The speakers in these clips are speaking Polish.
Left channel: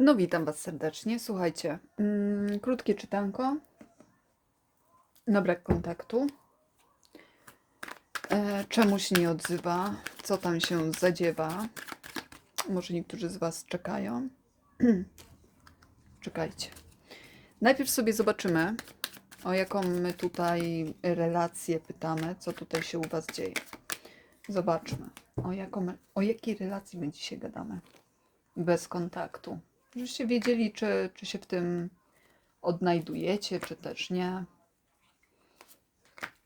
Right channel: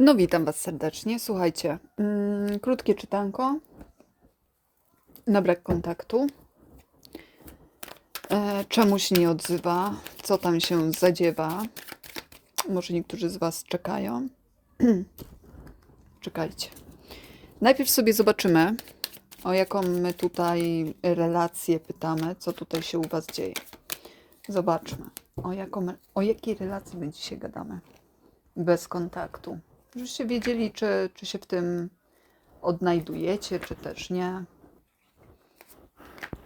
No, witam Was serdecznie. Słuchajcie, mm, krótkie czytanko na brak kontaktu. E, czemu się nie odzywa? Co tam się zadziewa? Może niektórzy z Was czekają. Czekajcie. Najpierw sobie zobaczymy, o jaką my tutaj relację pytamy, co tutaj się u Was dzieje. Zobaczmy, o, jaką, o jakiej relacji my dzisiaj gadamy. Bez kontaktu. Żebyście wiedzieli, czy, czy się w tym odnajdujecie, czy też nie.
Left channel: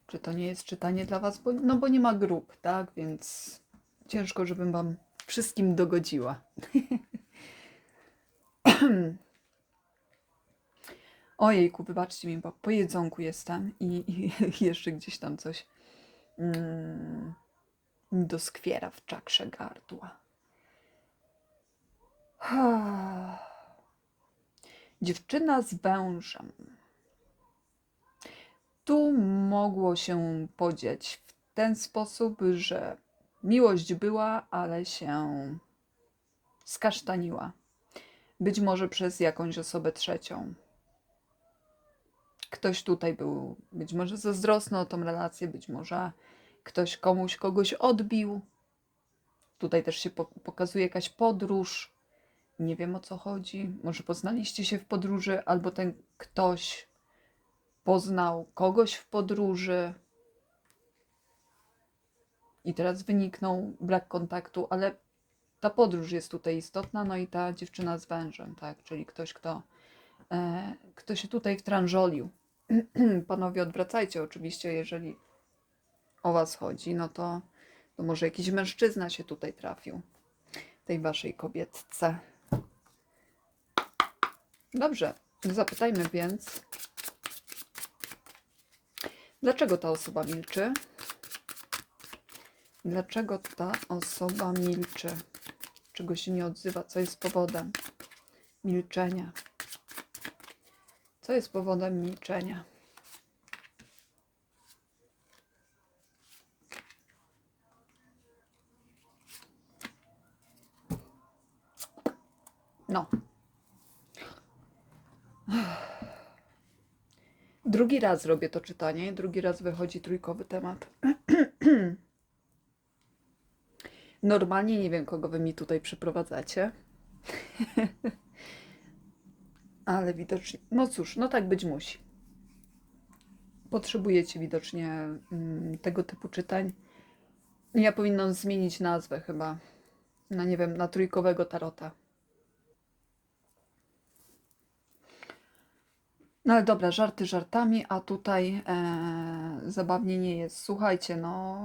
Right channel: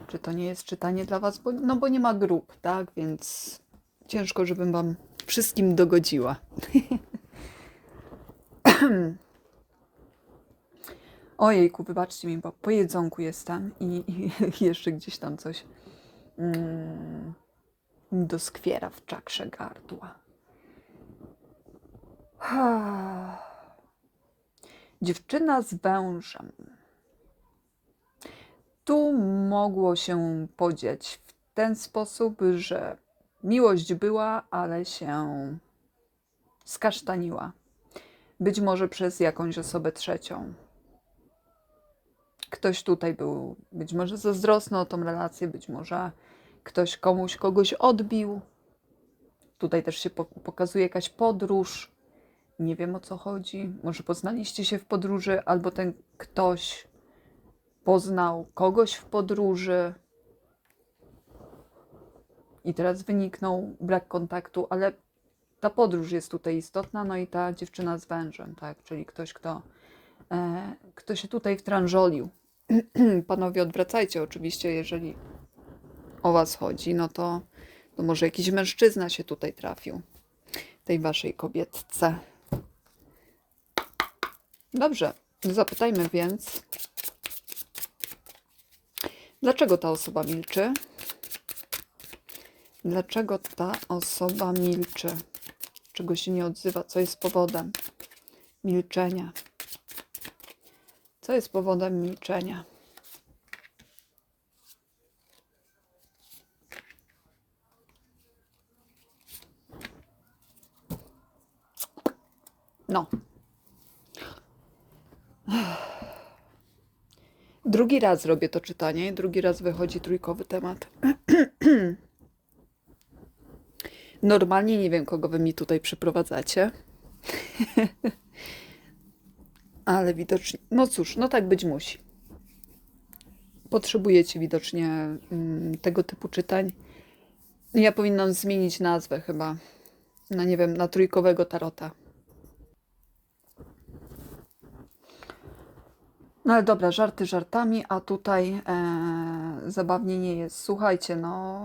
Czy to nie jest czytanie dla Was, bo, no bo nie ma grup, tak? Więc ciężko, żebym Wam wszystkim dogodziła. Ojejku, wybaczcie mi, bo po jedzonku jestem i, i jeszcze gdzieś tam coś mm, doskwiera w czakrze gardła. Dziewczyna z wężem. Tu mogło się podziać w ten sposób, że miłość była, ale się skasztaniła. Być może przez jakąś osobę trzecią. Ktoś tutaj był być może zazdrosny o tą relację, być może ktoś komuś kogoś odbił. Tutaj też się po- pokazuje jakaś podróż. Nie wiem o co chodzi. Może poznaliście się w podróży, albo ten ktoś poznał kogoś w podróży i teraz wyniknął brak kontaktu, ale ta podróż jest tutaj istotna, no i ta dziewczyna z wężem, tak, czyli ktoś, kto, e, kto się tutaj wtrążolił. Panowie, odwracajcie oczywiście, jeżeli o was chodzi, no to, to może jakiś mężczyzna się tutaj trafił, tej waszej kobietce. Dobrze, zapytajmy więc, dlaczego ta osoba milczy? Dlaczego ta osoba milczy? Czego się nie odzywa? Co jest powodem milczenia? Co jest powodem milczenia? No. Drugi raz robię to czytanie, drugi raz wychodzi trójkowy temat. Normalnie nie wiem, kogo wy mi tutaj przyprowadzacie. Ale widocznie, no cóż, no tak być musi. Potrzebujecie widocznie mm, tego typu czytań. Ja powinnam zmienić nazwę chyba. Na nie wiem, na trójkowego tarota. No ale dobra, żarty żartami, a tutaj e, zabawnie nie jest. Słuchajcie, no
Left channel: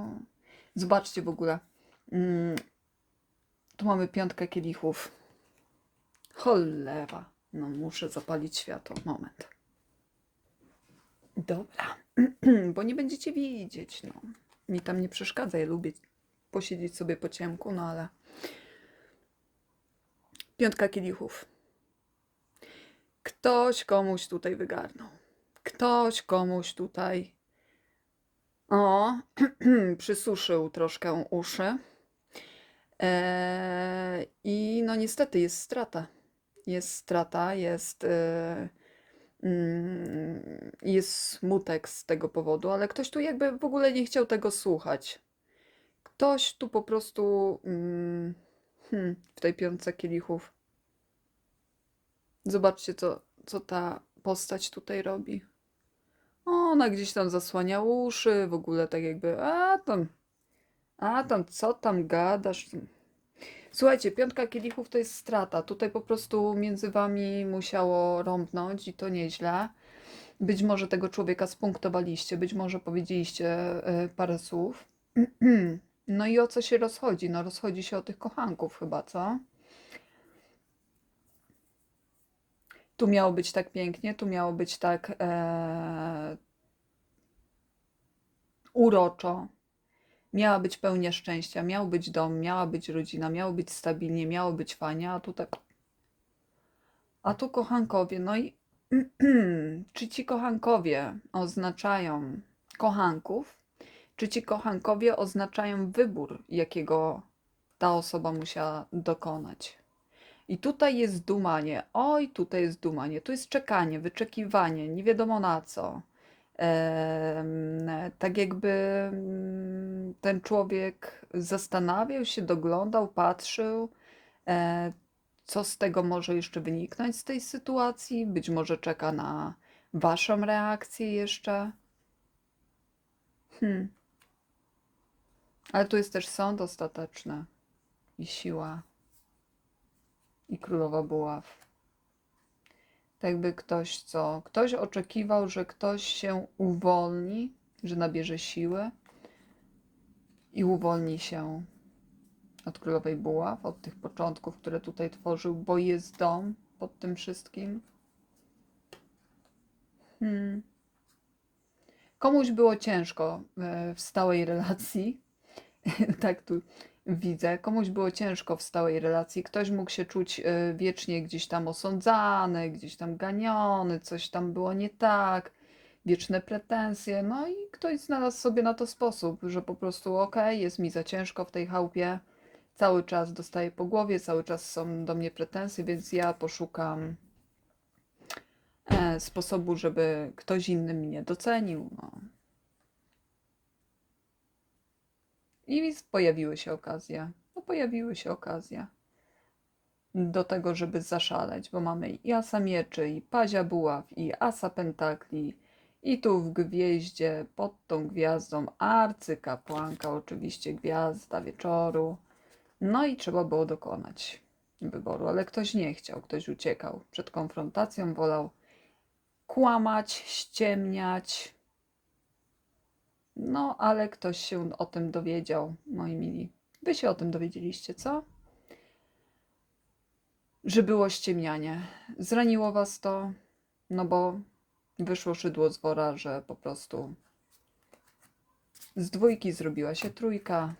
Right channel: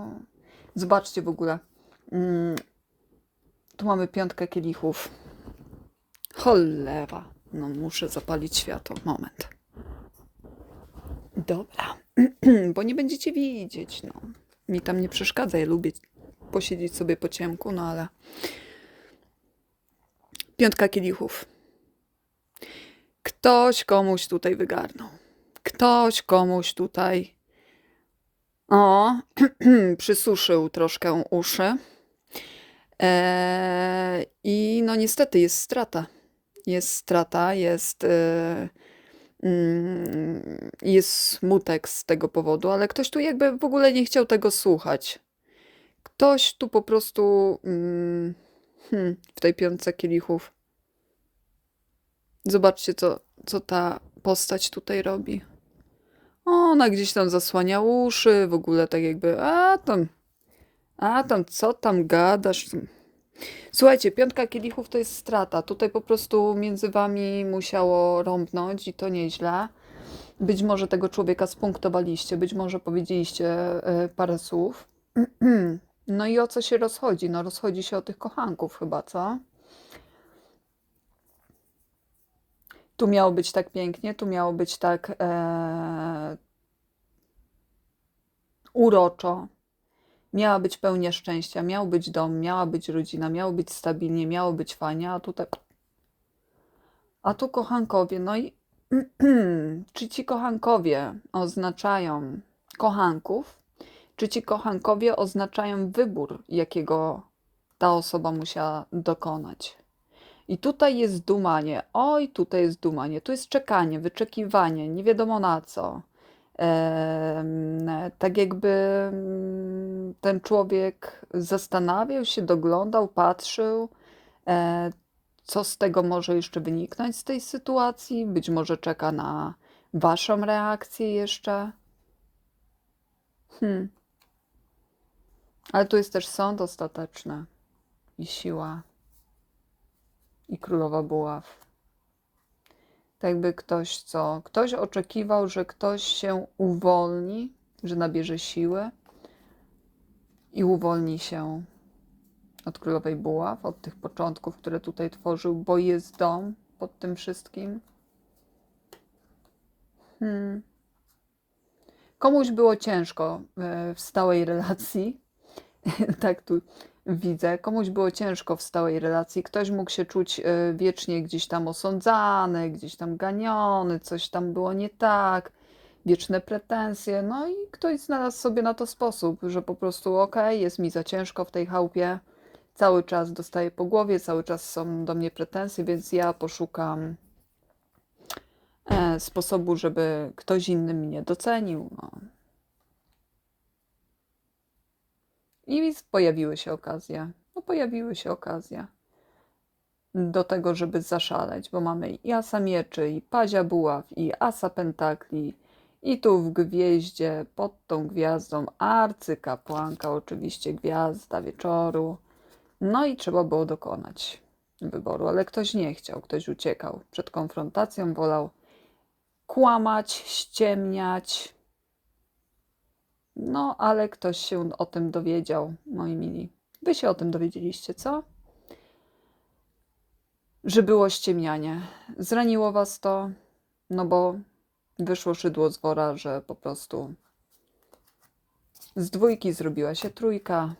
zobaczcie w ogóle. Mm, tu mamy piątkę kielichów. Cholera. No muszę zapalić światło. Moment. Dobra. Bo nie będziecie widzieć, no. Mi tam nie przeszkadza. Ja lubię posiedzieć sobie po ciemku, no ale... Piątka kielichów. Ktoś komuś tutaj wygarnął. Ktoś komuś tutaj o, przysuszył troszkę uszy. Eee, I no niestety jest strata. Jest strata, jest, mm, jest smutek z tego powodu, ale ktoś tu jakby w ogóle nie chciał tego słuchać. Ktoś tu po prostu mm, hmm, w tej piątce kielichów. Zobaczcie, co, co ta postać tutaj robi. Ona gdzieś tam zasłania uszy, w ogóle tak jakby, a tam, a tam, co tam gadasz? Słuchajcie, piątka kielichów to jest strata. Tutaj po prostu między wami musiało rąbnąć i to nieźle. Być może tego człowieka spunktowaliście, być może powiedzieliście e, parę słów. No i o co się rozchodzi? No rozchodzi się o tych kochanków chyba, co? Tu miało być tak pięknie, tu miało być tak e, uroczo. Miała być pełnia szczęścia, miał być dom, miała być rodzina, miało być stabilnie, miało być fajnie, a tu tak. A tu kochankowie, no i czy ci kochankowie oznaczają kochanków, czy ci kochankowie oznaczają wybór, jakiego ta osoba musiała dokonać? I tutaj jest dumanie. Oj, tutaj jest dumanie. Tu jest czekanie, wyczekiwanie, nie wiadomo na co. Em, tak jakby mm, ten człowiek zastanawiał się, doglądał, patrzył, e, co z tego może jeszcze wyniknąć z tej sytuacji. Być może czeka na waszą reakcję jeszcze. Hmm. Ale tu jest też sąd ostateczny i siła i królowa buław. Tak jakby ktoś co, ktoś oczekiwał, że ktoś się uwolni, że nabierze siły i uwolni się od królowej buław, od tych początków, które tutaj tworzył, bo jest dom pod tym wszystkim. Hmm. Komuś było ciężko e, w stałej relacji, tak tu widzę. Komuś było ciężko w stałej relacji. Ktoś mógł się czuć e, wiecznie gdzieś tam osądzany, gdzieś tam ganiony, coś tam było nie tak, wieczne pretensje. No i ktoś znalazł sobie na to sposób, że po prostu okej, jest mi za ciężko w tej chałupie, cały czas dostaję po głowie, cały czas są do mnie pretensje, więc ja poszukam e, sposobu, żeby ktoś inny mnie docenił. No. I pojawiły się okazje. No, pojawiły się okazje do tego, żeby zaszaleć, bo mamy i asa mieczy, i pazia buław, i asa pentakli, i tu w gwieździe, pod tą gwiazdą arcykapłanka, oczywiście gwiazda wieczoru. No i trzeba było dokonać wyboru, ale ktoś nie chciał, ktoś uciekał przed konfrontacją, wolał kłamać, ściemniać, no, ale ktoś się o tym dowiedział, moi mili. Wy się o tym dowiedzieliście, co? Że było ściemnianie. Zraniło was to, no bo wyszło szydło z wora, że po prostu z dwójki zrobiła się trójka.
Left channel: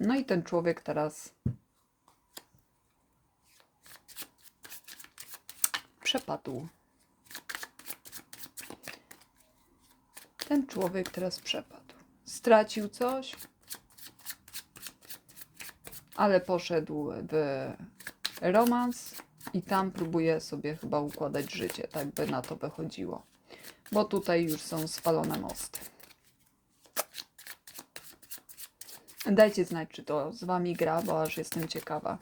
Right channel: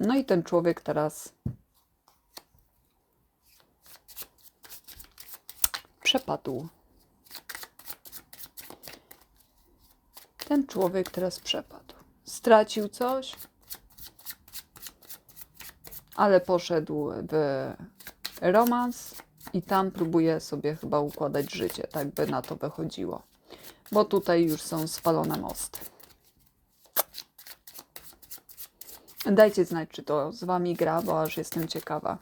No i ten człowiek teraz przepadł. Ten człowiek teraz przepadł. Stracił coś, ale poszedł w romans i tam próbuje sobie chyba układać życie, tak by na to wychodziło. Bo tutaj już są spalone mosty. Dajcie znać, czy to z wami gra, bo aż jestem ciekawa.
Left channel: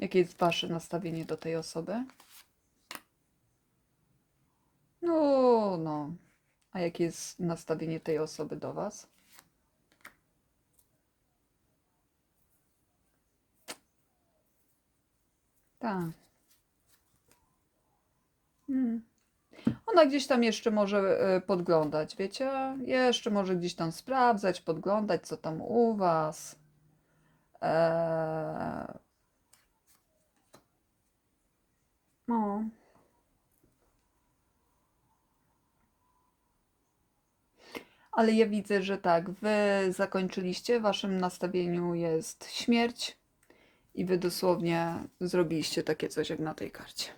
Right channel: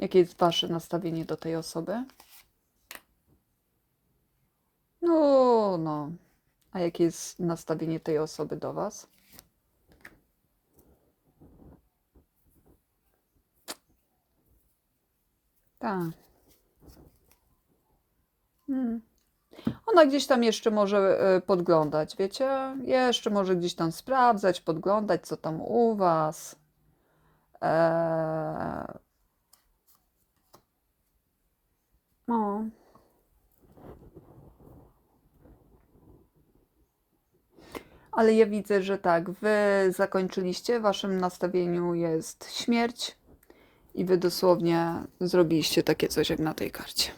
Jakie jest wasze nastawienie do tej osoby? No, no. A jakie jest nastawienie tej osoby do was? Tak. Hmm. Ona gdzieś tam jeszcze może e, podglądać, wiecie? Jeszcze może gdzieś tam sprawdzać, podglądać, co tam u was. Eee, no. Ale ja widzę, że tak, wy zakończyliście, waszym nastawieniu jest śmierć i wy dosłownie zrobiliście takie coś jak na tej karcie.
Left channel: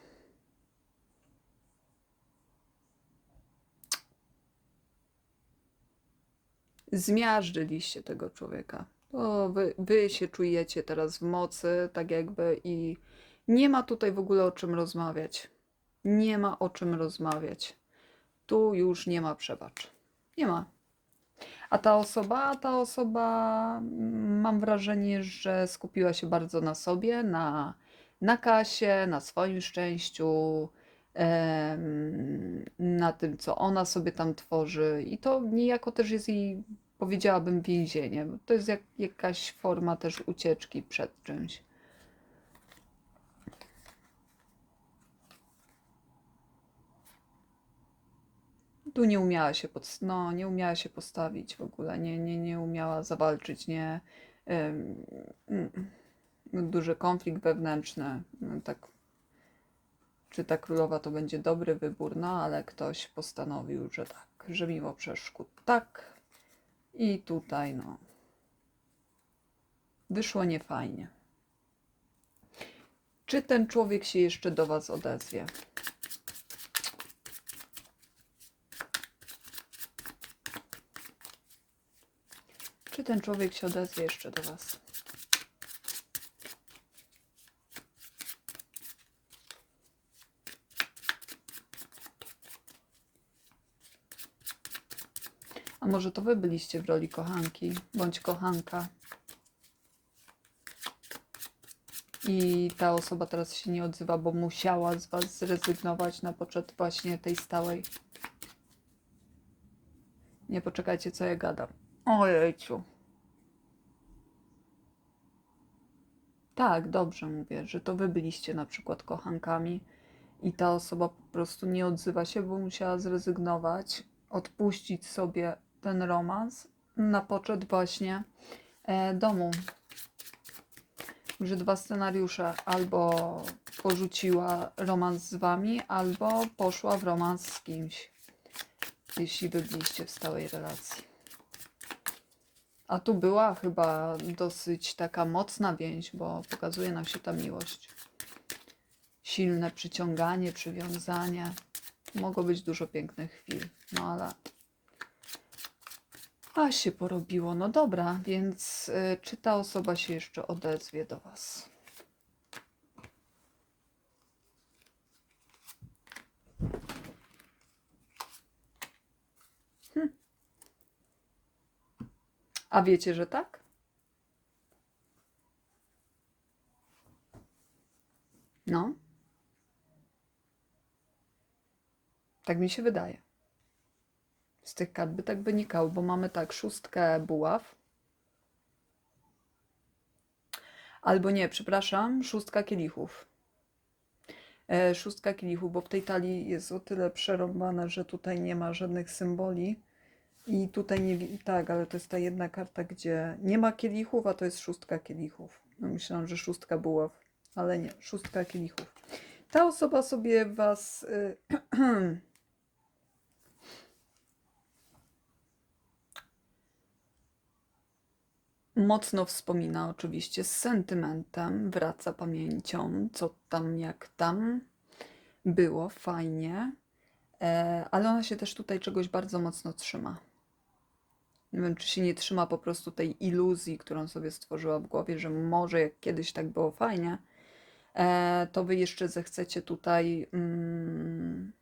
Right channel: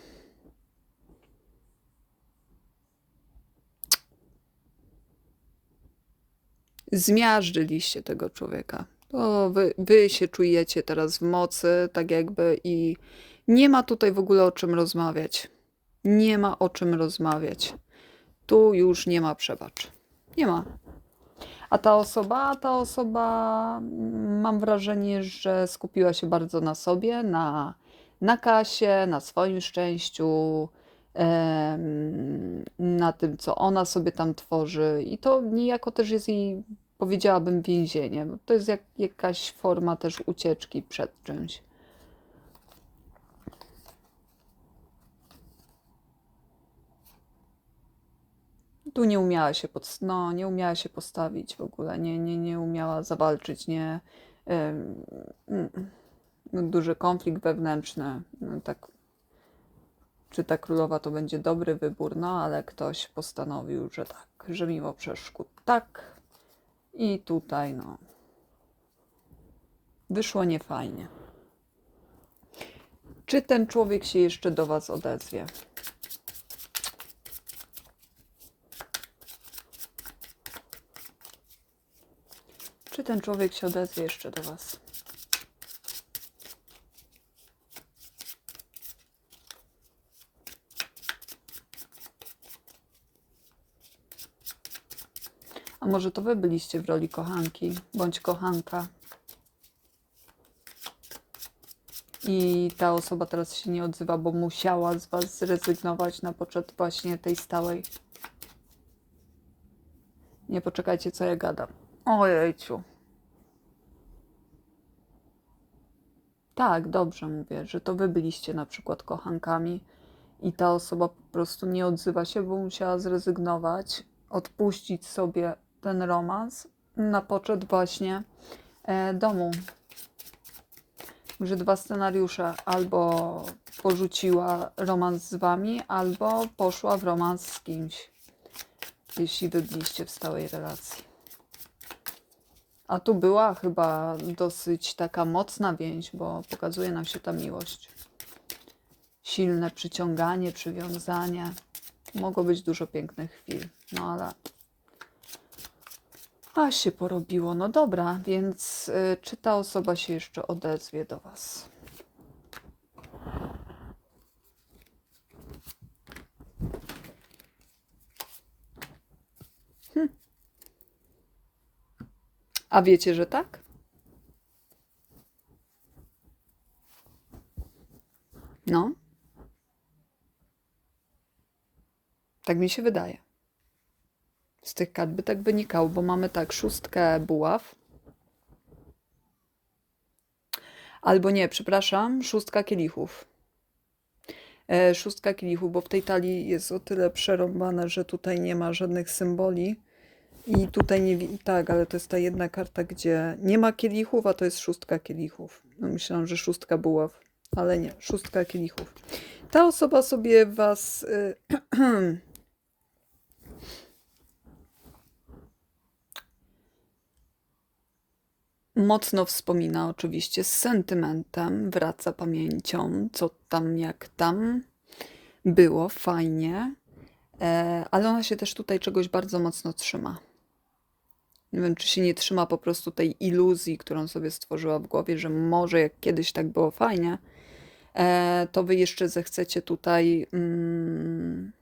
Zmiażdżyliście tego człowieka. O, wy, wy się czujecie teraz w mocy, tak jakby i nie ma tutaj w ogóle o czym rozmawiać. Nie ma o czym rozmawiać. Tu już nie ma przebacz. Nie ma. A ta osoba, ta osoba, mm, mam wrażenie, że skupiła się bardzo na sobie, na, na kasie, na swoim szczęściu, na tym, co ona sobie tam tworzy. I to niejako też jest jej, powiedziałabym, więzienie. To jest jak, jakaś forma też ucieczki przed czymś. Tu nie umiała się, pod, no, nie umiała się postawić w ogóle, nie, nie, nie umiała zawalczyć, nie. ym, mm, duży konflikt wewnętrzny. No, tak, czy ta królowa to będzie dobry wybór, no ale ktoś postanowił, że tak, że mimo przeszkód tak. I tutaj, no. Wyszło niefajnie. Czy ten człowiek się jeszcze do Was odezwie? Czy ten człowiek się odezwie jeszcze do Was? A może to Wy byliście w roli kochanki bądź kochanka? I ta osoba teraz się nie odzywa, bo musiała z Was zrezygnować na poczet właśnie tej stałej. Nie poczekajcie, co ja gadam. Ojejciu. Tak, dobrze mówię, że to wy byliście na przykład kochankami i ta osoba po prostu nie odzywa się, bo musiała zrezygnować, odpuścić sobie ten romans na poczet właśnie e, domu. Że dwa scenariusze albo porzuciła romans z wami, albo poszła w romans z kimś, jeśli wy byliście w stałej relacji. A tu była chyba dosyć taka mocna więź, bo pokazuje nam się ta miłość. Silne przyciąganie, przywiązanie. Mogło być dużo pięknych chwil, no ale. A się porobiło. No dobra, więc y, czy ta osoba się jeszcze odezwie do Was? A wiecie, że tak? No. Tak mi się wydaje. Z tych kart by tak wynikało, bo mamy tak szóstkę buław. Albo nie, przepraszam, szóstka kielichów. E, szóstka kielichów, bo w tej talii jest o tyle przerąbane, że tutaj nie ma żadnych symboli. I tutaj nie tak, ale to jest ta jedna karta, gdzie nie ma kielichów, a to jest szóstka kielichów. No myślałam, że szóstka buław, ale nie, szóstka kielichów. Ta osoba sobie was. y, Mocno wspomina oczywiście z sentymentem, wraca pamięcią, co tam, jak tam było, fajnie, e, ale ona się też tutaj czegoś bardzo mocno trzyma. Nie wiem, czy się nie trzyma po prostu tej iluzji, którą sobie stworzyła w głowie, że może jak kiedyś tak było fajnie, e, to wy jeszcze zechcecie tutaj mm,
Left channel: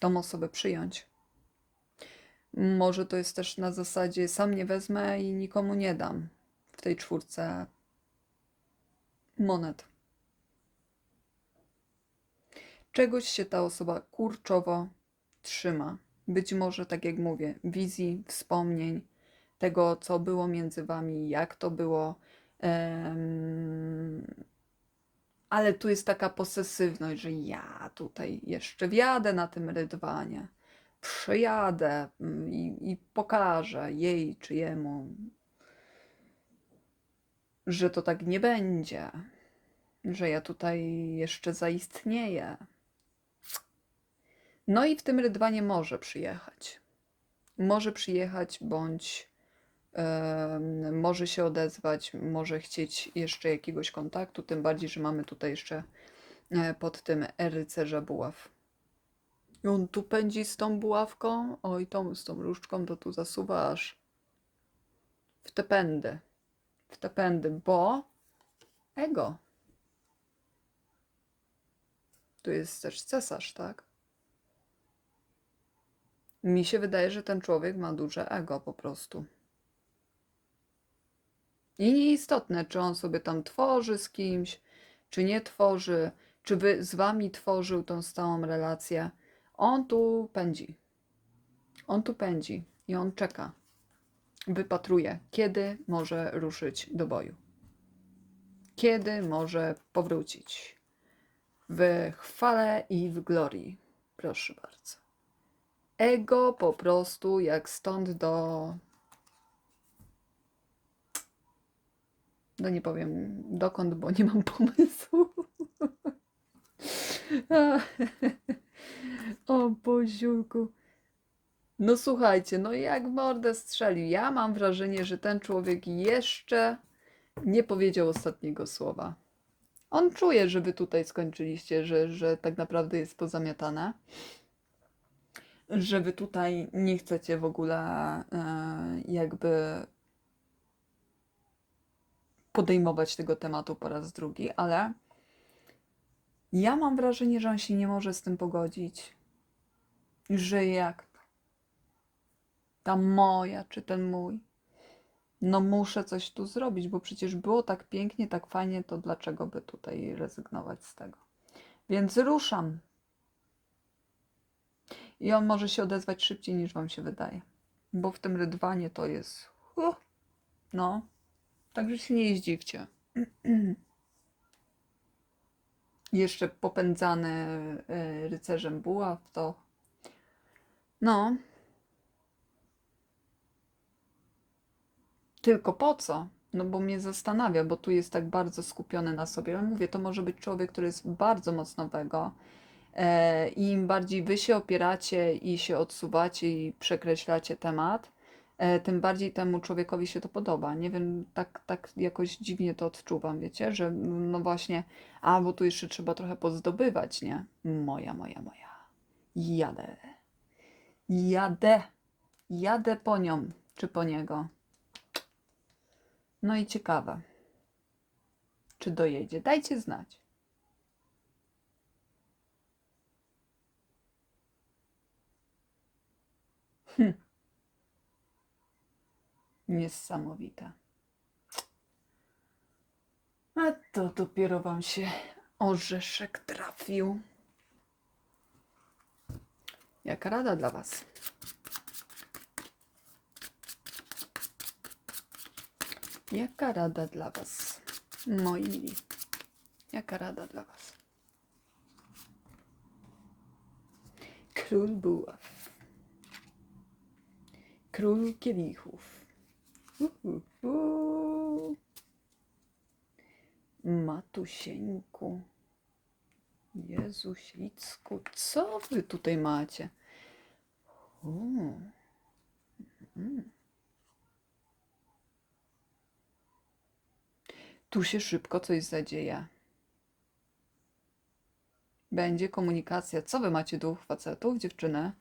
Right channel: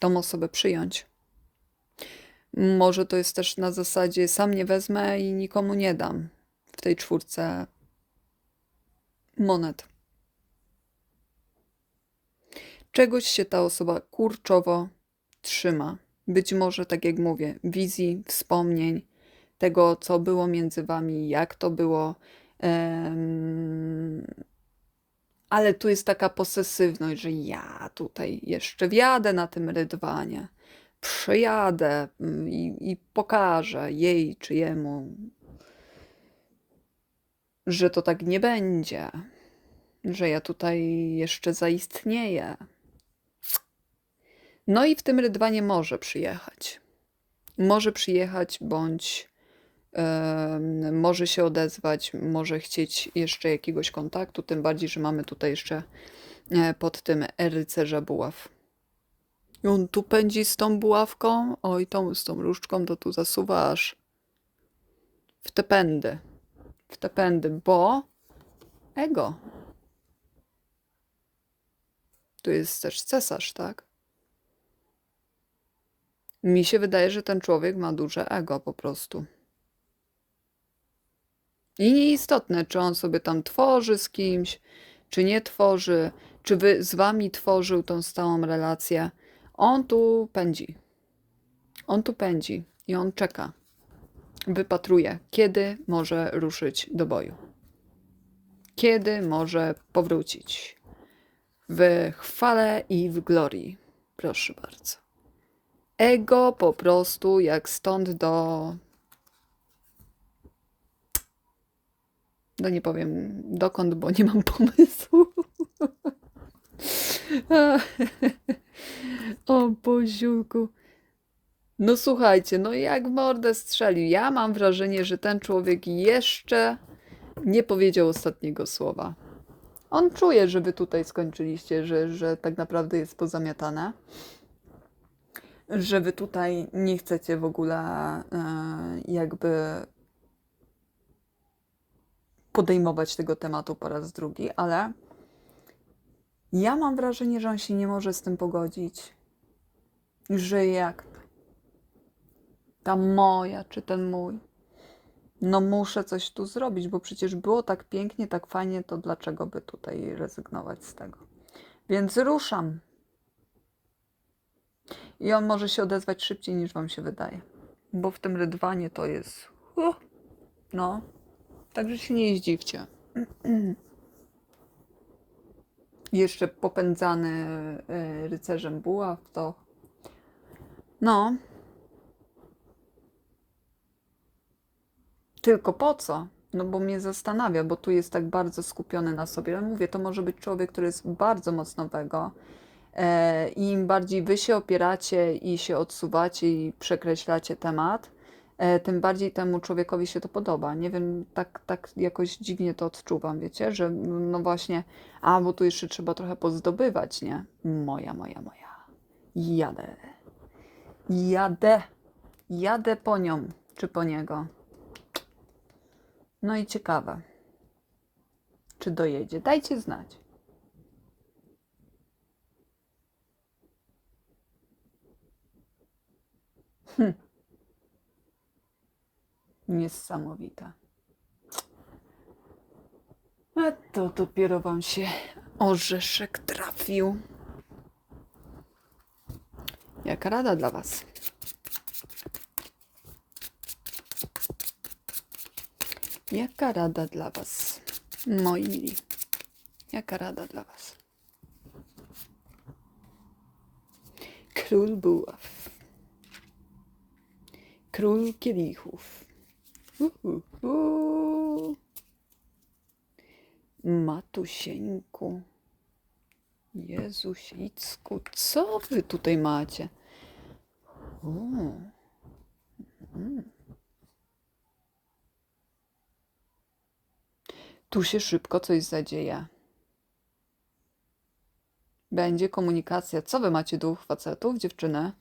tą osobę przyjąć. Może to jest też na zasadzie sam nie wezmę i nikomu nie dam w tej czwórce monet. Czegoś się ta osoba kurczowo trzyma. Być może, tak jak mówię, wizji, wspomnień, tego, co było między wami, jak to było. ale tu jest taka posesywność, że ja tutaj jeszcze wjadę na tym rydwanie, przyjadę mm, i, i pokażę jej czy jemu, że to tak nie będzie, że ja tutaj jeszcze zaistnieję. No i w tym rydwanie może przyjechać. Może przyjechać, bądź em, może się odezwać, może chcieć jeszcze jakiegoś kontaktu, tym bardziej, że mamy tutaj jeszcze e, pod tym rycerza buław. I on tu pędzi z tą buławką, oj, tą z tą różdżką, to tu zasuwa aż w te pędy. W te pędy, bo ego. Tu jest też cesarz, tak? Mi się wydaje, że ten człowiek ma duże ego po prostu. I nieistotne, czy on sobie tam tworzy z kimś, czy nie tworzy, czy wy z wami tworzył tą stałą relację. On tu pędzi. On tu pędzi i on czeka. Wypatruje, kiedy może ruszyć do boju. Kiedy może powrócić. W chwale i w glorii. Proszę bardzo. Ego po prostu jak stąd do. No nie powiem dokąd, bo nie mam pomysłu. o Boziulku. No słuchajcie, no jak w mordę strzelił. Ja mam wrażenie, że ten człowiek jeszcze nie powiedział ostatniego słowa. On czuje, że wy tutaj skończyliście, że, że tak naprawdę jest pozamiatane że wy tutaj nie chcecie w ogóle e, jakby podejmować tego tematu po raz drugi, ale ja mam wrażenie, że on się nie może z tym pogodzić. Że jak ta moja czy ten mój, no muszę coś tu zrobić, bo przecież było tak pięknie, tak fajnie, to dlaczego by tutaj rezygnować z tego? Więc ruszam. I on może się odezwać szybciej niż wam się wydaje. Bo w tym rydwanie to jest. Uh, no. Także się nie zdziwcie. Jeszcze popędzany e, rycerzem buław to. No. Tylko po co? No bo mnie zastanawia, bo tu jest tak bardzo skupiony na sobie. Ale mówię, to może być człowiek, który jest bardzo mocno wego. E, I im bardziej wy się opieracie i się odsuwacie i przekreślacie temat, e, tym bardziej temu człowiekowi się to podoba. Nie wiem, tak, tak jakoś dziwnie to odczuwam, wiecie, że no właśnie, a bo tu jeszcze trzeba trochę pozdobywać, nie? Moja, moja, moja. Jadę. Jadę. Jadę po nią, czy po niego. No i ciekawe, czy dojedzie. Dajcie znać. Hm. Niesamowite. A to dopiero wam się orzeszek trafił. Jaka rada dla was? Jaka rada dla was, moi mili? Jaka rada dla was? Król buław. Król kielichów. Uhuhu. Matusieńku. Jezusicku, co wy tutaj macie? O. Mm. Tu się szybko coś zadzieje. Będzie komunikacja. Co wy macie dwóch facetów, dziewczyny?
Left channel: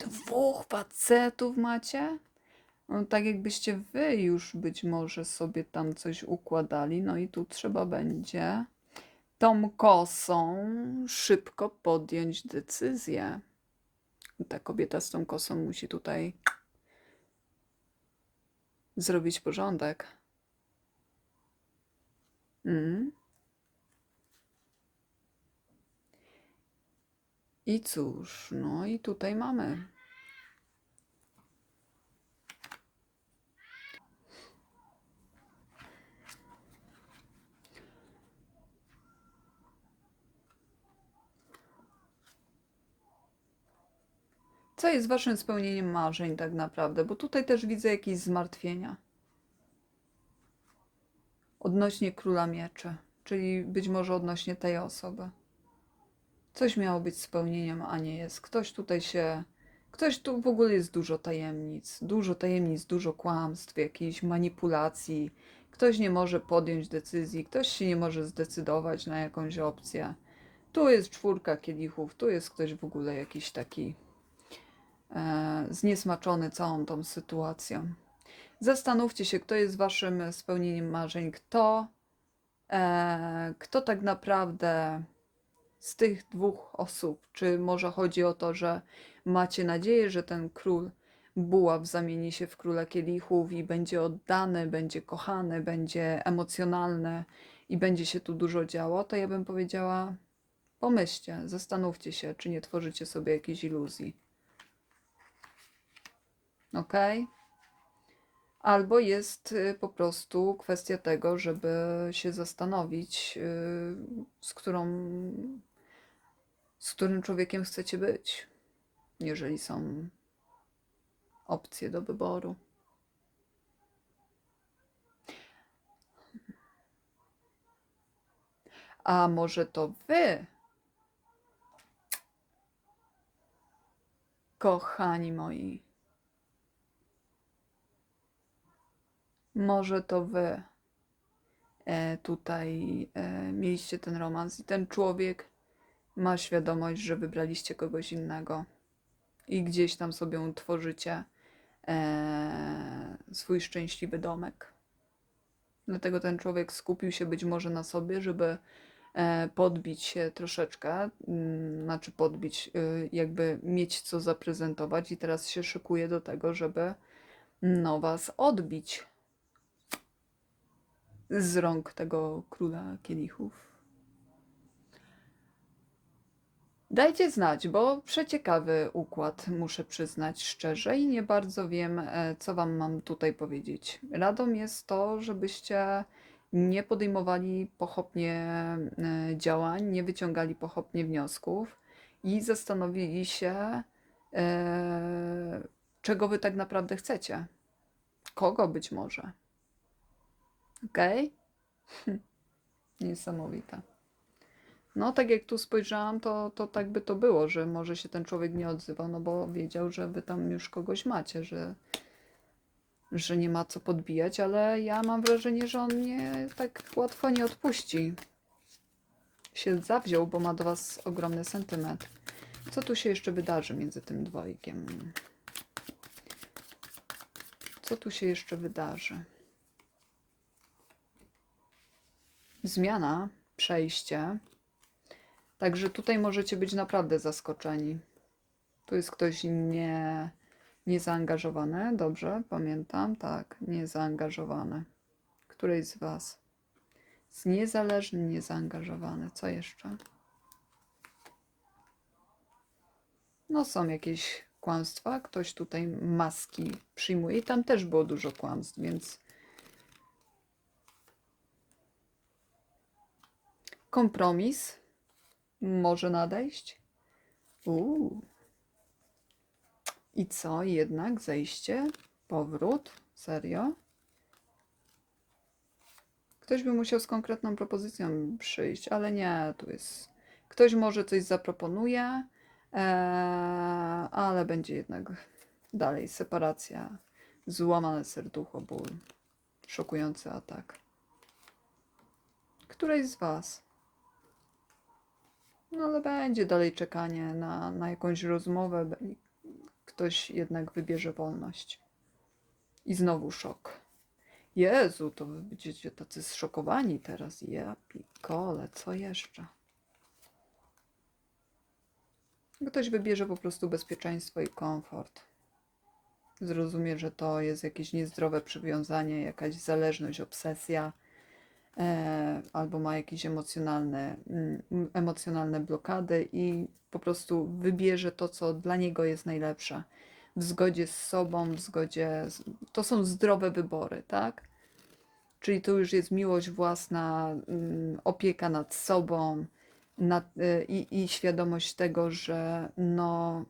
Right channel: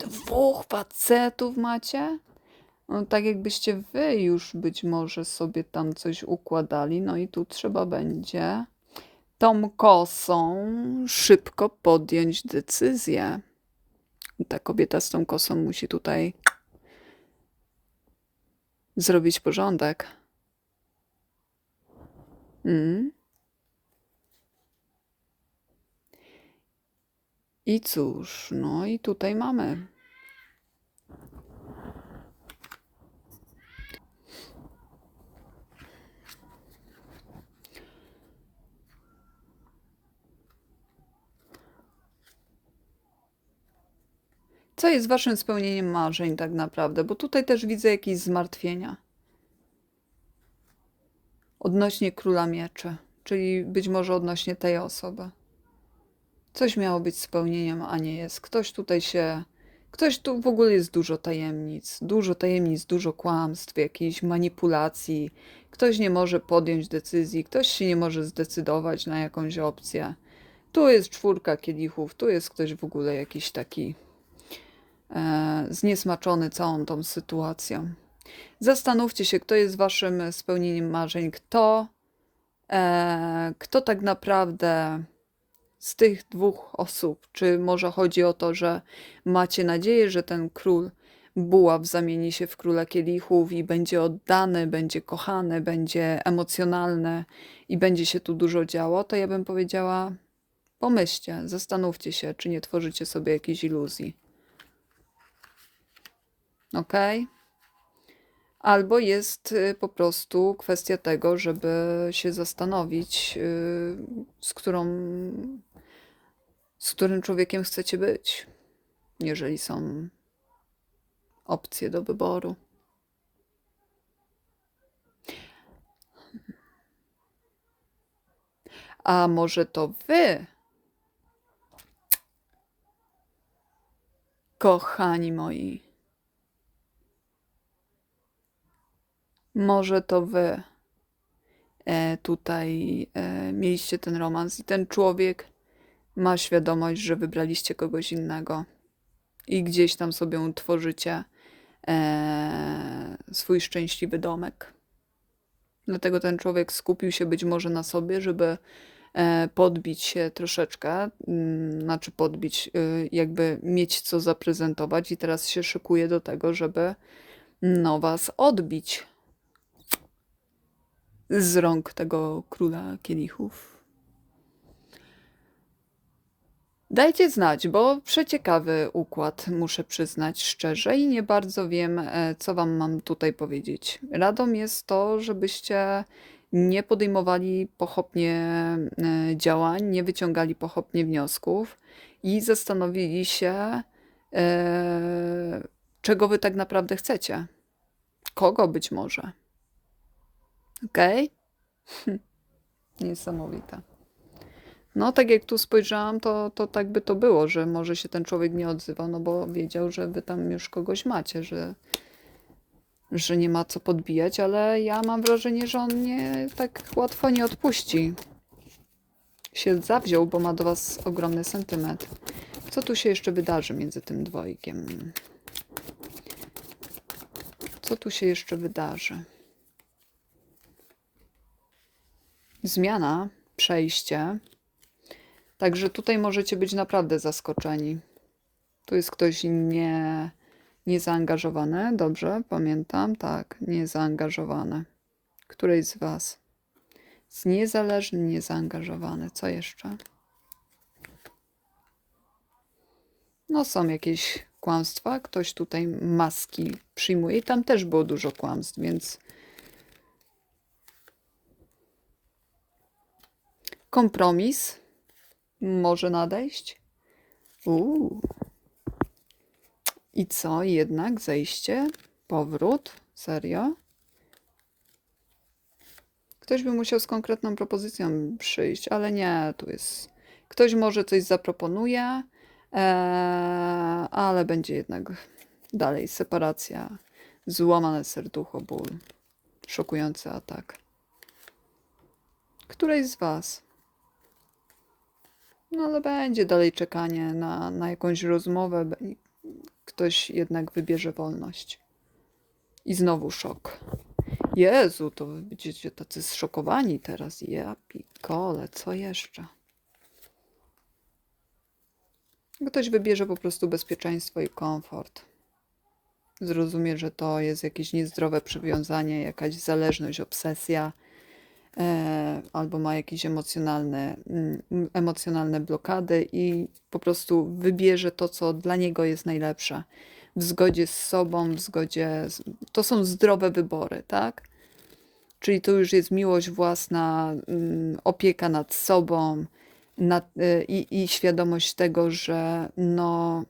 Dwóch facetów macie? No, tak jakbyście wy już być może sobie tam coś układali. No i tu trzeba będzie tą kosą szybko podjąć decyzję. Ta kobieta z tą kosą musi tutaj zrobić porządek. Mm. I cóż, no i tutaj mamy. Co jest waszym spełnieniem marzeń tak naprawdę? Bo tutaj też widzę jakieś zmartwienia. Odnośnie króla mieczy, czyli być może odnośnie tej osoby. Coś miało być spełnieniem, a nie jest. Ktoś tutaj się. Ktoś tu w ogóle jest dużo tajemnic, dużo tajemnic, dużo kłamstw, jakichś manipulacji. Ktoś nie może podjąć decyzji, ktoś się nie może zdecydować na jakąś opcję. Tu jest czwórka kielichów, tu jest ktoś w ogóle jakiś taki e, zniesmaczony całą tą sytuacją. Zastanówcie się, kto jest waszym spełnieniem marzeń, kto, e, kto tak naprawdę z tych dwóch osób, czy może chodzi o to, że macie nadzieję, że ten król buław zamieni się w króla kielichów i będzie oddany, będzie kochany, będzie emocjonalny i będzie się tu dużo działo, to ja bym powiedziała, pomyślcie, zastanówcie się, czy nie tworzycie sobie jakiejś iluzji. Ok? Albo jest y, po prostu kwestia tego, żeby się zastanowić, y, z którą z którym człowiekiem chcecie być, jeżeli są opcje do wyboru. A może to wy, kochani moi, może to wy e, tutaj e, mieliście ten romans i ten człowiek ma świadomość, że wybraliście kogoś innego i gdzieś tam sobie tworzycie e, swój szczęśliwy domek. Dlatego ten człowiek skupił się być może na sobie, żeby e, podbić się troszeczkę, mm, znaczy podbić, y, jakby mieć co zaprezentować i teraz się szykuje do tego, żeby no was odbić z rąk tego króla kielichów. Dajcie znać, bo przeciekawy układ, muszę przyznać szczerze, i nie bardzo wiem, e, co wam mam tutaj powiedzieć. Radą jest to, żebyście nie podejmowali pochopnie e, działań, nie wyciągali pochopnie wniosków i zastanowili się, e, czego wy tak naprawdę chcecie. Kogo być może. Okej? Niesamowite. No, tak jak tu spojrzałam, to, to tak by to było, że może się ten człowiek nie odzywał, no bo wiedział, że wy tam już kogoś macie, że, że nie ma co podbijać, ale ja mam wrażenie, że on nie tak łatwo nie odpuści. Się zawziął, bo ma do was ogromny sentyment. Co tu się jeszcze wydarzy między tym dwojgiem? Co tu się jeszcze wydarzy? Zmiana, przejście. Także tutaj możecie być naprawdę zaskoczeni. Tu jest ktoś nie, niezaangażowany. Dobrze, pamiętam. Tak, niezaangażowany. Któryś z Was? Z niezależny, niezaangażowany. Co jeszcze? No, są jakieś kłamstwa. Ktoś tutaj maski przyjmuje. I tam też było dużo kłamstw, więc kompromis może nadejść. Uuu. I co, jednak zejście, powrót, serio? Ktoś by musiał z konkretną propozycją przyjść, ale nie, tu jest. Ktoś może coś zaproponuje, ee, ale będzie jednak dalej separacja, złamane serducho, ból, szokujący atak. Któreś z Was? No ale będzie dalej czekanie na, na jakąś rozmowę. Ktoś jednak wybierze wolność. I znowu szok. Jezu, to wy będziecie tacy zszokowani teraz. Ja pikole, co jeszcze? Ktoś wybierze po prostu bezpieczeństwo i komfort. Zrozumie, że to jest jakieś niezdrowe przywiązanie, jakaś zależność, obsesja albo ma jakieś emocjonalne, mm, emocjonalne blokady i po prostu wybierze to, co dla niego jest najlepsze. W zgodzie z sobą, w zgodzie. Z... To są zdrowe wybory, tak? Czyli to już jest miłość własna, mm, opieka nad sobą nad, y, i, i świadomość tego, że no,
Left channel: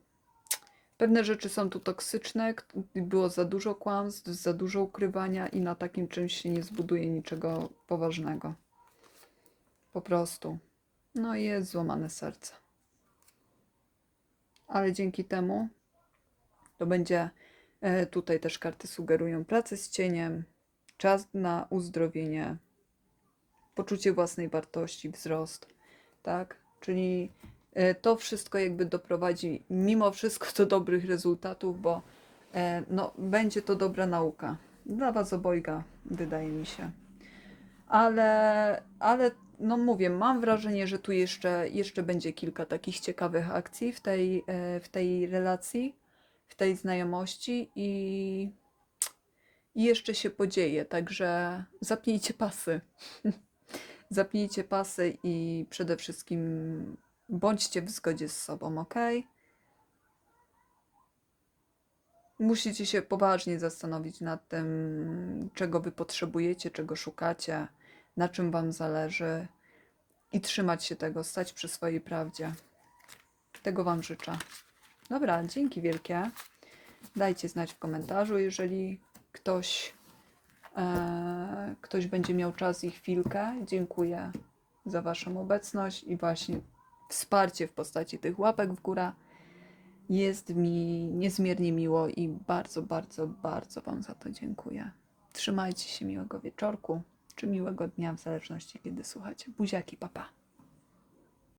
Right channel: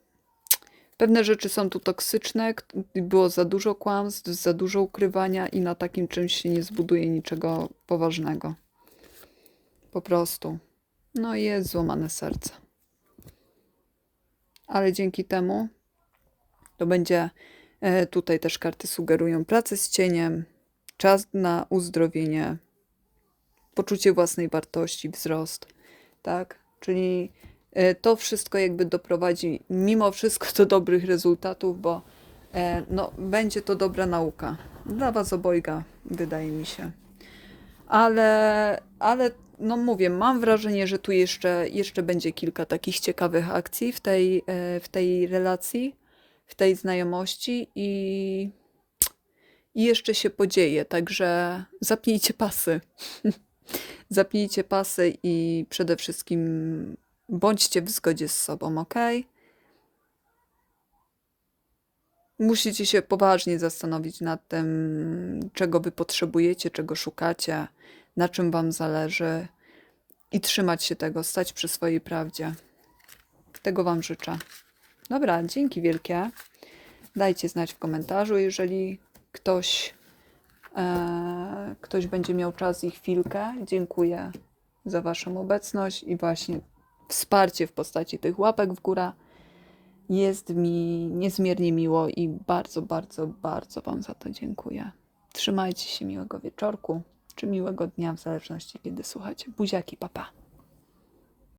pewne rzeczy są tu toksyczne, było za dużo kłamstw, za dużo ukrywania i na takim czymś się nie zbuduje niczego poważnego. Po prostu. No i jest złamane serce. Ale dzięki temu to będzie, e, tutaj też karty sugerują pracę z cieniem, czas na uzdrowienie, poczucie własnej wartości, wzrost, tak? Czyli to wszystko jakby doprowadzi mimo wszystko do dobrych rezultatów, bo e, no, będzie to dobra nauka. Dla Was obojga, wydaje mi się. Ale, ale no mówię, mam wrażenie, że tu jeszcze, jeszcze będzie kilka takich ciekawych akcji w tej, e, w tej relacji, w tej znajomości i, i jeszcze się podzieje, także zapnijcie pasy. Zapnijcie pasy i przede wszystkim bądźcie w zgodzie z sobą, ok? Musicie się poważnie zastanowić nad tym, czego wy potrzebujecie, czego szukacie, na czym wam zależy i trzymać się tego, stać przy swojej prawdzie. Tego wam życzę. Dobra, dzięki wielkie. Dajcie znać w komentarzu, jeżeli ktoś, e, ktoś będzie miał czas i chwilkę. Dziękuję za Waszą obecność i właśnie wsparcie w postaci tych łapek w górę. Jest mi niezmiernie miło i bardzo, bardzo, bardzo Wam za to dziękuję. Trzymajcie się miłego wieczorku czy miłego dnia, w zależności kiedy słuchacie. Buziaki, papa.